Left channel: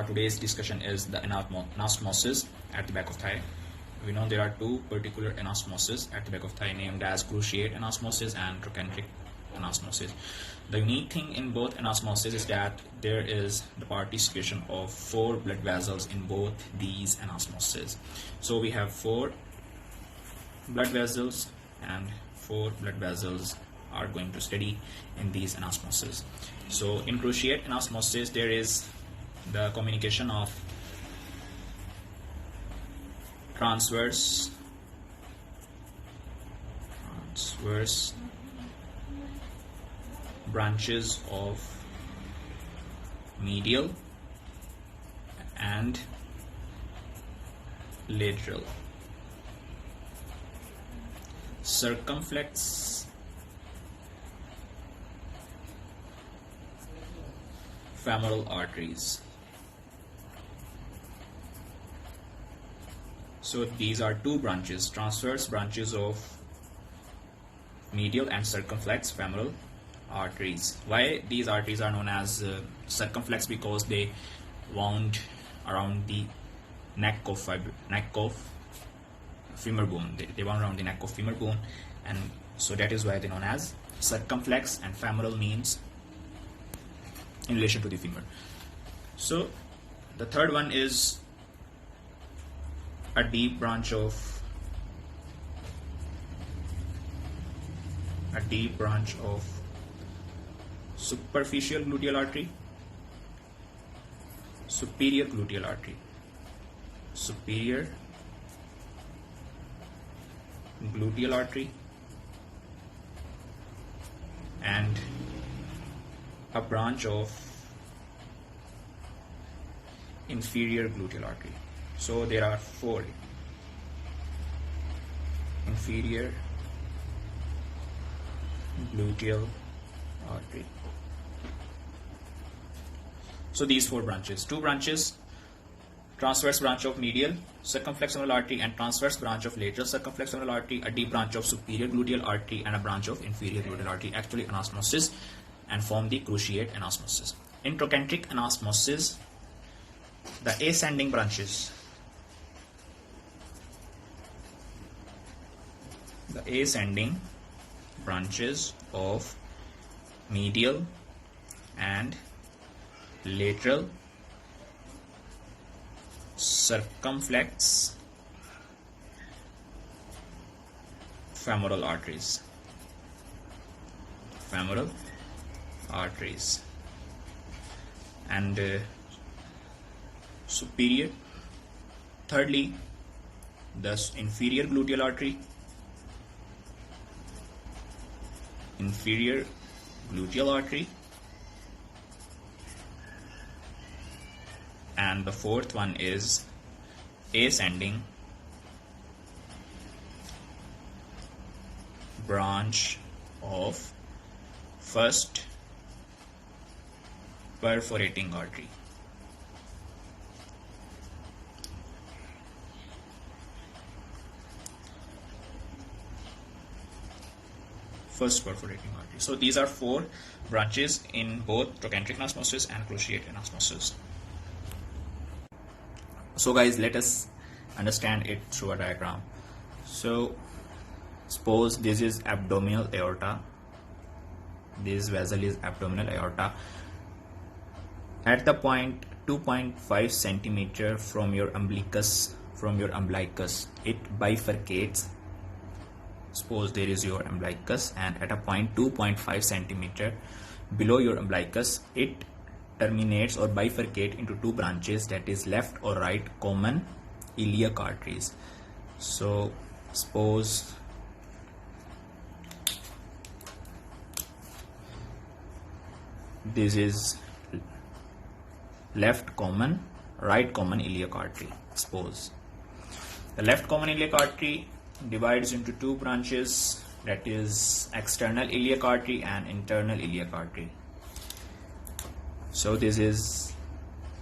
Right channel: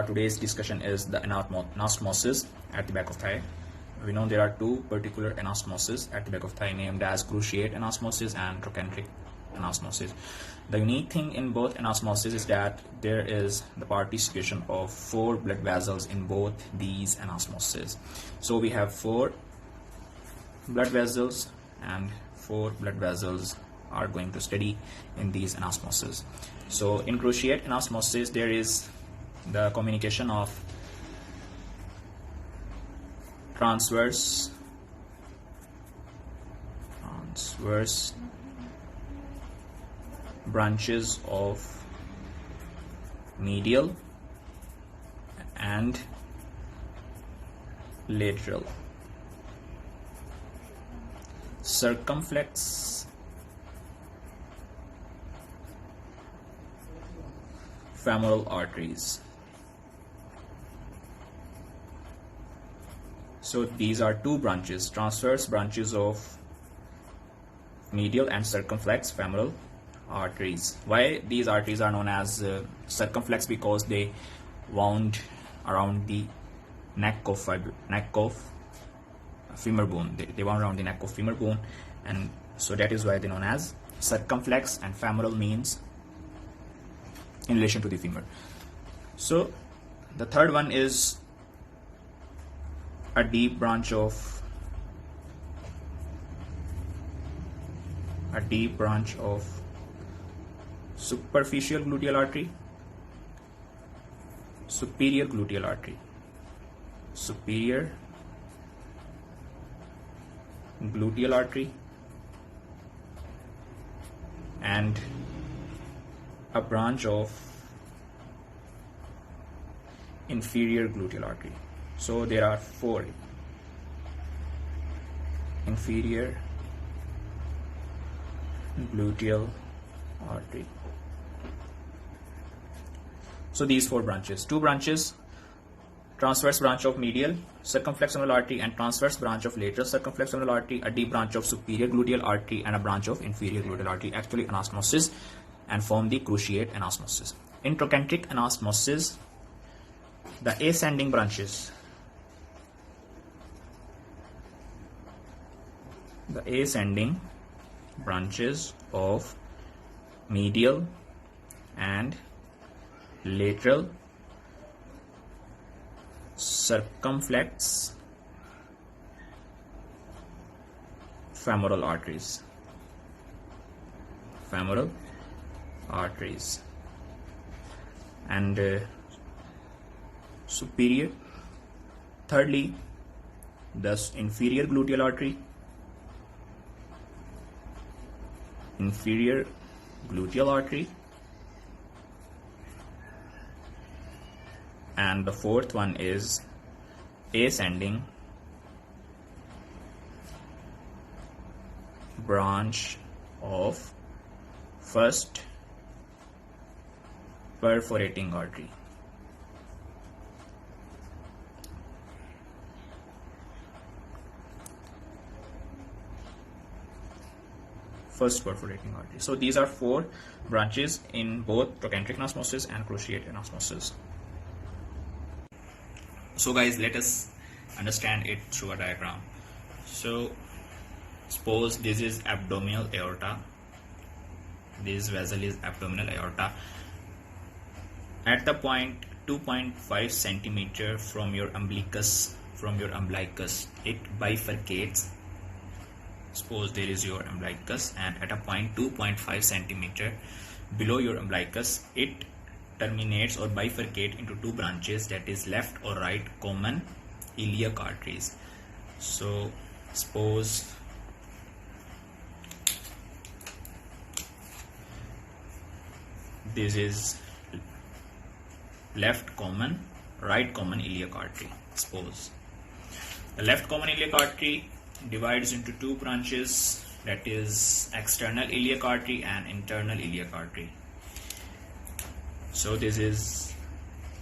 our today's discussion is the anastomosis at the back of thigh. We know there are two particular anastomosis at the back of thigh named as cruciate anastomosis and trochanteric anastomosis. The unique thing in both anastomosis is that there is the participation of 4 blood vessels in both these anastomosis. So we have 4 blood vessels, and 4 blood vessels are going to study in these anastomosis. So in cruciate anastomosis, there is the communication of transverse branches of medial and lateral circumflex femoral arteries. So these are 2 branches, transverse branches of medial and circumflex femoral arteries. Why these arteries are known as circumflex? Because they wound around the neck of femur bone. They wound around the neck of femur bone, and so that is why they're known as circumflex, and femoral means in relation to the femur. So the third one is a deep branch of superficial gluteal artery, superior gluteal artery, superior gluteal artery, and a branch of inferior gluteal artery. So there are 4: inferior gluteal artery. So these 4 branches: 2 branches, transverse branch of medial circumflex femoral artery and transverse branch of lateral circumflex femoral artery, a deep branch of superior gluteal artery, and a branch of inferior gluteal artery actually anastomosis and form the cruciate anastomosis. In trochanteric anastomosis, the ascending branches of medial and lateral circumflex femoral arteries and superior. Thirdly, the inferior gluteal artery, and the 4th one is ascending branch of first perforating artery. So these are 4 branches in both trochanteric anastomosis and cruciate anastomosis. So guys, let us understand it through a diagram. So suppose this is abdominal aorta. This vessel is abdominal aorta. At the point 2.5 centimeter from your umbilicus, it bifurcates. Suppose there is your umbilicus, and at a point 2.5 centimeter below your umbilicus, it terminates or bifurcate into 2 branches, that is left or right common iliac arteries. So suppose this is left common, right common iliac artery. Suppose the left common iliac artery divides into 2 branches, that is external iliac artery and internal iliac artery. So this is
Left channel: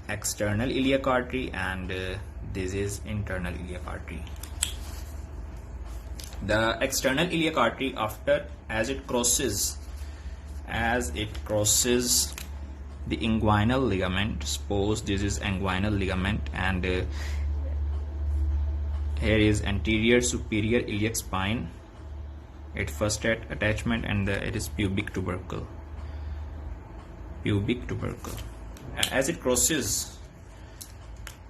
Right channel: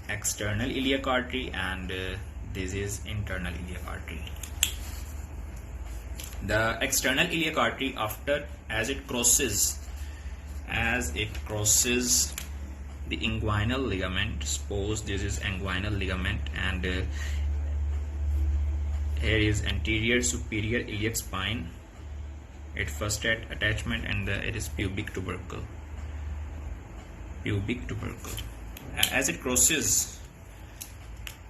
external iliac artery and this is internal iliac artery. The external iliac artery, as it crosses the inguinal ligament. Suppose this is inguinal ligament, and here is anterior superior iliac spine, its first attachment, and it is pubic tubercle. As it crosses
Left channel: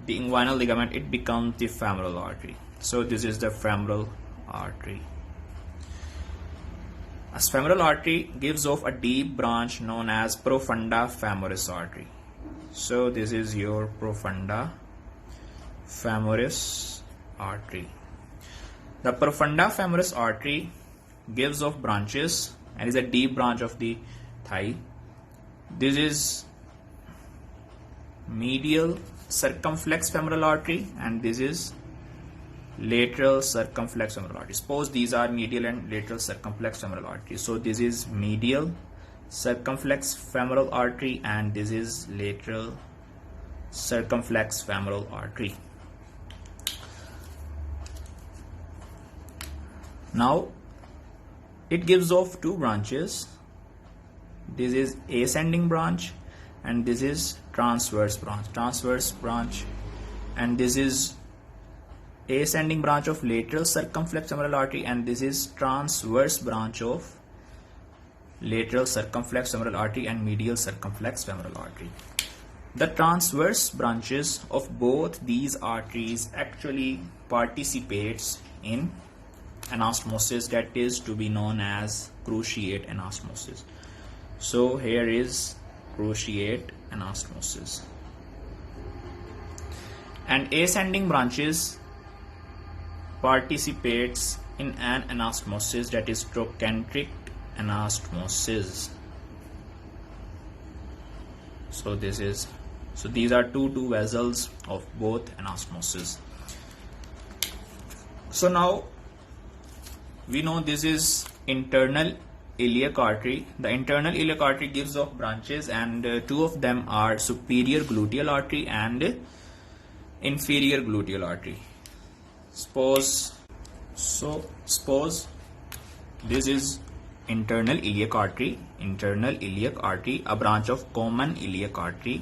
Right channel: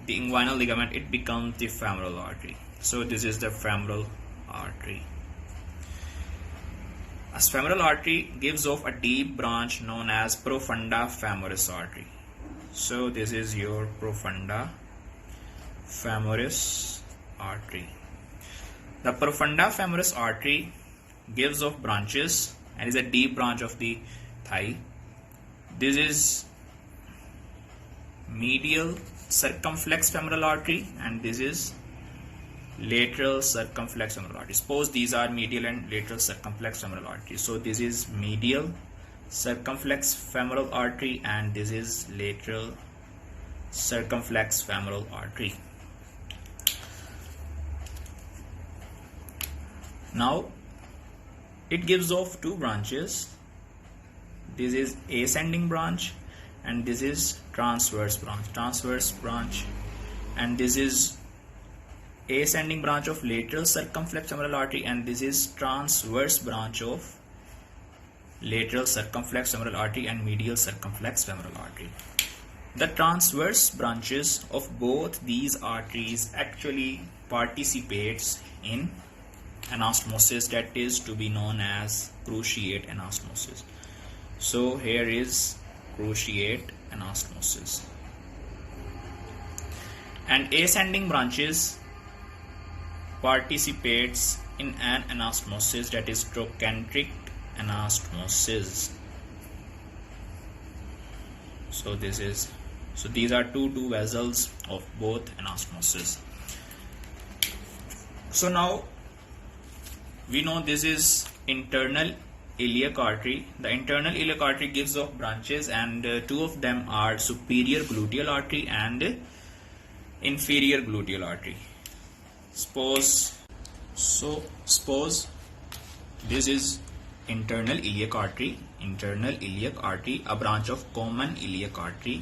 the inguinal ligament, it becomes the femoral artery. So this is the femoral artery. As femoral artery gives off a deep branch known as profunda femoris artery. So this is your profunda femoris artery. The profunda femoris artery gives off branches and is a deep branch of the thigh. This is medial circumflex femoral artery, and this is lateral circumflex femoral artery. Suppose these are medial and lateral circumflex femoral artery. So this is medial circumflex femoral artery, and this is lateral circumflex femoral artery. Now it gives off two branches. This is ascending branch, and this is transverse branch, and this is ascending branch of lateral circumflex femoral artery, and this is transverse branch of lateral circumflex femoral artery and medial circumflex femoral artery. The transverse branches of both these arteries actually participates in anastomosis, that is to be known as cruciate anastomosis. So here is cruciate anastomosis. And ascending branches participates in an anastomosis, that is trochanteric anastomosis. So these are two vessels of both anastomosis. So now we know this is internal iliac artery. The internal iliac artery gives off branches, and two of them are superior gluteal artery and inferior gluteal artery. Suppose this is internal iliac artery, a branch of common iliac artery,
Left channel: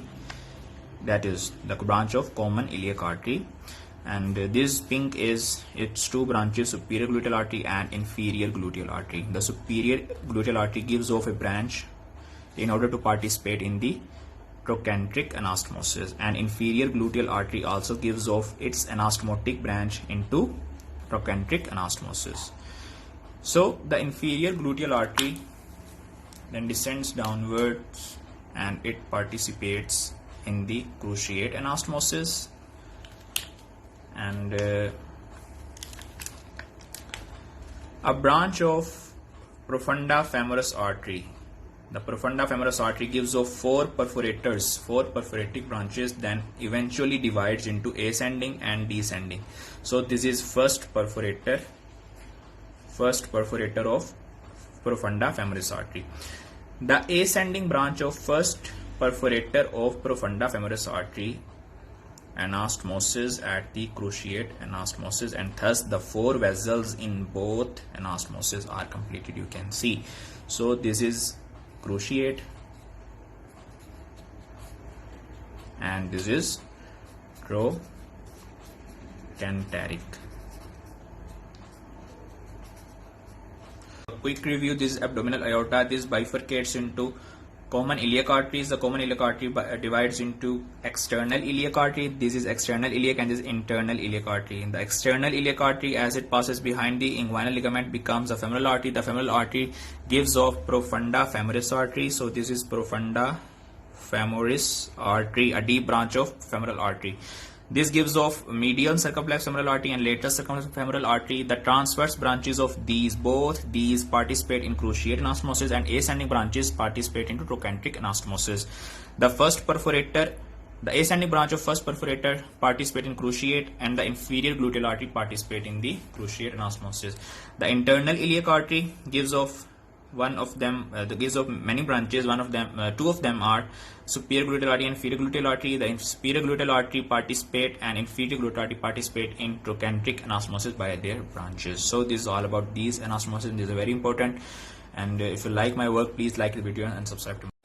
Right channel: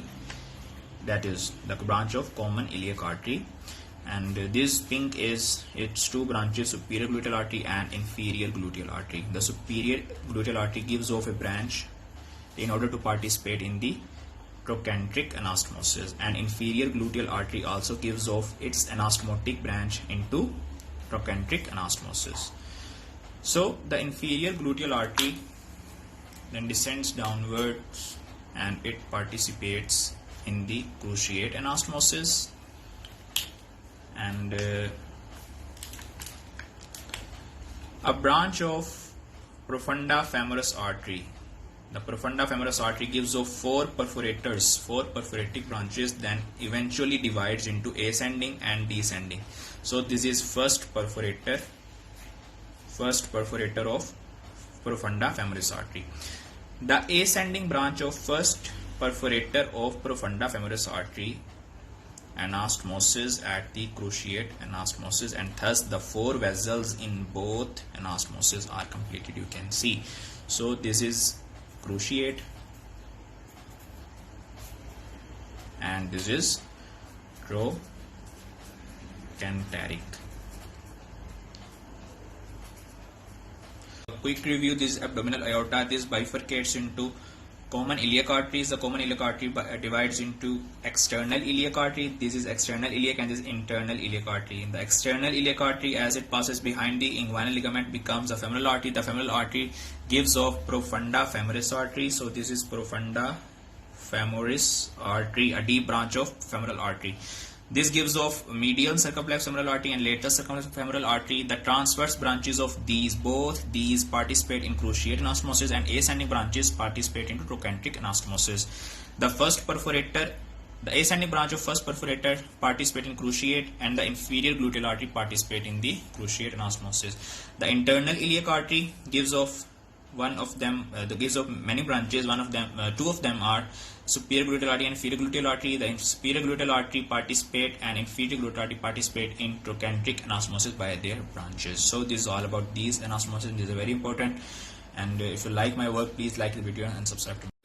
that is the branch of common iliac artery, and this pink is its two branches, superior gluteal artery and inferior gluteal artery. The superior gluteal artery gives off a branch in order to participate in the trochanteric anastomosis, and inferior gluteal artery also gives off its anastomotic branch into trochanteric anastomosis. So the inferior gluteal artery then descends downwards and it participates in the cruciate anastomosis, and a branch of profunda femoris artery. The profunda femoris artery gives off four perforating branches, then eventually divides into ascending and descending. So this is first perforator of profunda femoris artery. The ascending branch of first perforator of profunda femoris artery anastomosis at the cruciate anastomosis, and thus the four vessels in both anastomosis are completed, you can see. So this is cruciate and this is trochanteric. A quick review: this is abdominal aorta. This bifurcates into common iliac arteries. The common iliac artery divides into external iliac artery. This is external iliac and this is internal iliac artery. In the external iliac artery, as it passes behind the inguinal ligament, becomes a femoral artery. The femoral artery gives off profunda femoris artery. So this is profunda femoris artery, a deep branch of femoral artery. This gives off medial circumflex femoral artery and lateral circumflex femoral artery. The transverse branches of both these participate in cruciate anastomosis, and ascending branches participate into trochanteric anastomosis. The ascending branch of first perforator participate in cruciate, and the inferior gluteal artery participate in the cruciate anastomosis. The internal iliac artery gives off many branches. Two of them are superior gluteal artery and inferior gluteal artery. The superior gluteal artery participate and inferior gluteal artery participate in trochanteric anastomosis by their branches. So this is all about these anastomosis. These are very important, and if you like my work, please like the video and subscribe to me.